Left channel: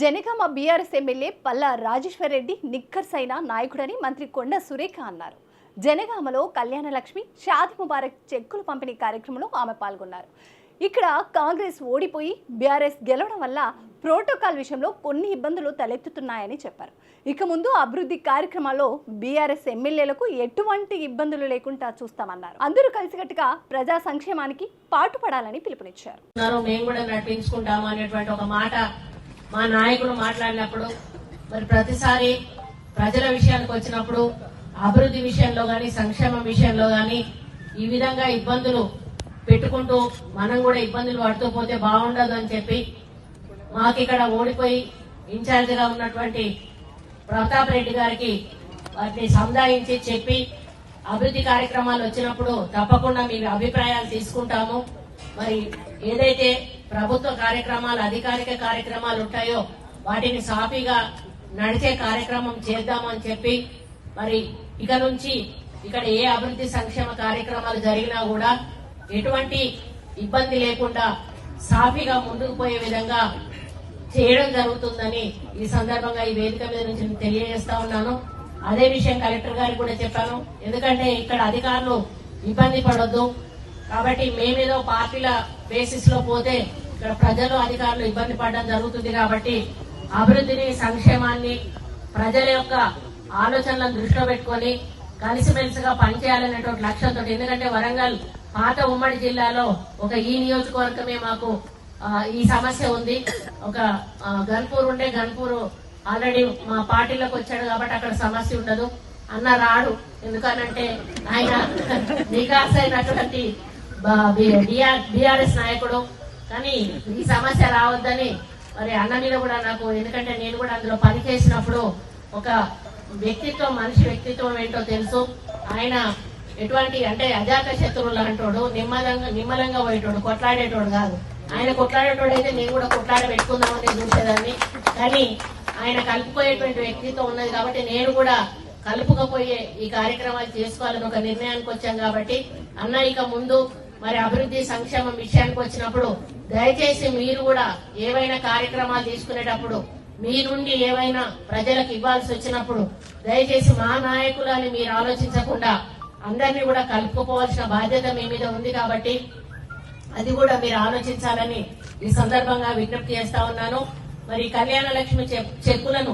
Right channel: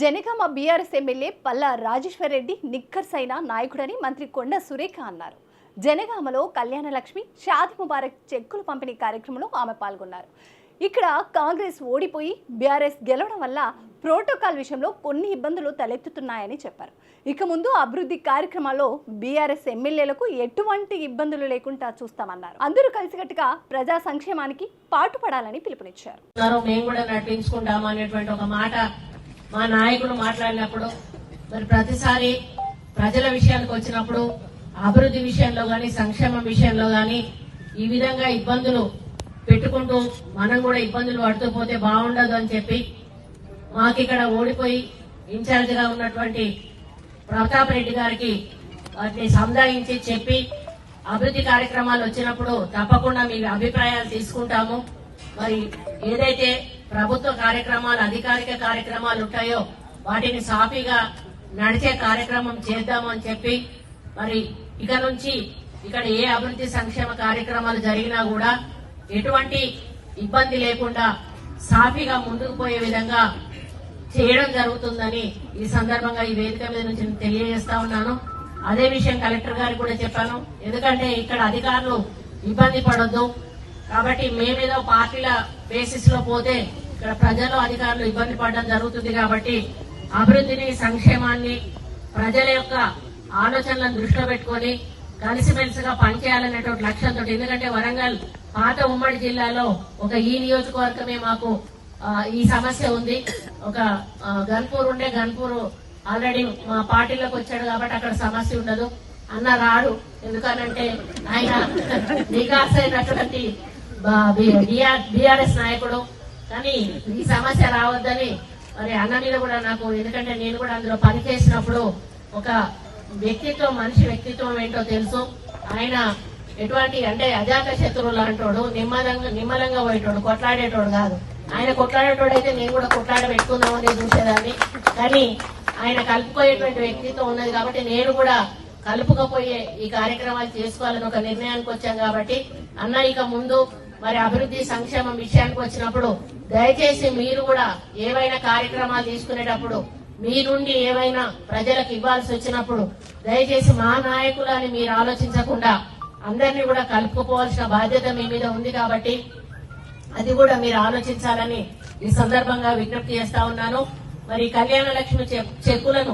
Janagama BRS MLA Palla Rajeshwar Reddy నాయకుడని మంత్రి కొండ సురేఖ అన్నారు. జనగామలో కళ్యాణలక్ష్మి షాది ముబారక్ చెక్కులు పంపిణీ కార్యక్రమంలో ఆమె పాల్గొన్నారు. ఇక్కడ కాంగ్రెస్ ఓడిపోయి బీఆర్ఎస్ గెలవడం వల్ల ప్రోటోకాల్ విషయంలో కొన్ని ఇబ్బందులు తలెత్తుతున్నాయని చెప్పారు. ఇక ముందు అభివృద్ధి కార్యక్రమాల్లో బీఆర్ఎస్ ఎమ్మెల్యేలకు ఎటువంటి ఇబ్బందులు లేకుండా చూస్తామన్నారు. అందరూ కలిసికట్టుగా ప్రజా సంక్షేమానికి పాటుపడాలని పిలుపునిచ్చారు. మేము కూడా నడిపించుకుంటాము అనేటువంటి ఒక మాట మా నాయకులు మాట్లాడినప్పుడు మరి ప్రతిసారి ప్రజల విషయానికి వచ్చినప్పుడు అభివృద్ధి విషయంలో కానీ సంక్షేమం విషయంలో కానీ ఈ విధంగా ఇబ్బందులు పెట్టుకుంటూ మనం కూడా ఇబ్బందులు పడుతూ పోతే బాగుండదు అని చెప్పి మాకు ఇక్కడ ఓడిపోయి ఇన్ఛార్జిగా ఉన్నటువంటి ప్రతాప్ రెడ్డి గారికి వాటిని సముదాయించి చెప్పి అభివృద్ధి కార్యక్రమాలు వచ్చినప్పుడు తప్పకుండా మీ అభిప్రాయాలు తీసుకుంటాము. మరి ఏదైతే ప్రభుత్వ కార్యక్రమాలు అధికారిక కార్యక్రమాలు ఉంటాయో వాటిని సాఫీగా నడిచే కార్యక్రమం చేద్దామని చెప్పి మరి ఇక నుంచి ఇక్కడ ఏ అభివృద్ధి సంక్షేమ కార్యక్రమాలు జరిగినా కూడా ఎటువంటి ఇబ్బంది లేకుండా సాఫీగా ముందుకు పోయే విధంగా చేయడం జరుగుతుందని ఈ సందర్భంగా ఈ వేదిక మీద నుంచి నేను తెలియజేస్తా ఉన్నాను. అదే విషయం కలెక్టర్ గారికి కూడా చెప్పాను. ఎందుకంటే ఇక్కడ అధికారులు ఇబ్బంది పడొద్దు. కాబట్టి మేమేదో పార్టీల బేసిస్లో పోతే ఇక్కడ ప్రజలు అధికారులు ఇబ్బంది పడడం జరుగుతుంది కాబట్టి అభివృద్ధిని సంక్షేమాన్ని ప్రజల యొక్క ఆలోచనలను దృష్టిలో పెట్టుకొని కలిసిమెలిసిగా పనిచేయాలనేటువంటి లక్ష్యంతో ఎందుకంటే వరంగల్ పాత ఉమ్మడి జిల్లాలో ఒక ఈ నియోజకవర్గమే మాకు ఈ సమస్య ఉంది. ఒక గన్పూర్ ఉండే గన్పూర్ ఆల్రెడీ మా పార్టీలోకి వచ్చాడు కాబట్టి అక్కడ సమస్య ఉండదు. అన్న రాడు. ఎందుకనంటే ఆయన నికాస్ అయినటువంటి బీఆర్ఎస్ నాయకుడు. కానీ ఈ సమస్య రావద్దని మరి అన్న మీద కూడా నాకు ఎందుకంటే నేను కూడా అందులో పని చేసినప్పుడు ఒక వ్యక్తిత్వం మనిషి వ్యక్తిత్వం ఏంటో తెలుసు. ఆయన ఎటువంటి అంటే అజాత శత్రువు లాంటోడు నిమ్మలంగా నిమ్మలంగా పోయేటోడు కొట్లాడేటోడు కాదు. ఆయన కొట్లాడేటోడు అయితే నేను కూడా కొట్లాడ పెట్టుకుందామని చూసేదాన్ని. కానీ ఆయన కలుపుకోయేటువంటి వ్యక్తిత్వం ఉన్నది కాబట్టి నేను కూడా కలుపుకపోయే ఈ కార్యక్రమాలు చేసుకోవాలని ఒక నిర్ణయానికి వచ్చాం కాబట్టి అన్న ఇక ముందు మరి అభివృద్ధి సంక్షేమం విషయానికి వచ్చినప్పుడు దయచేసి మీరు కూడా ఏవైనా కార్యక్రమాలు తీసుకునేటప్పుడు మీ నుండి ఏమైనా ప్రజలకు ఇవ్వాల్సి వచ్చినప్పుడు దయచేసి మా నాయకులు అని మీరు ఆలోచించకుండా అందరినీ కూడా కలుపుకోవాల్సిన బాధ్యత మీ మీద ఉంది కాబట్టి అది కూడా మీరు ఆలోచించాలని ఈ సందర్భంగా విజ్ఞప్తి చేస్తా ఉన్నాను. మరి కళ్యాణ లక్ష్మి చెక్కులను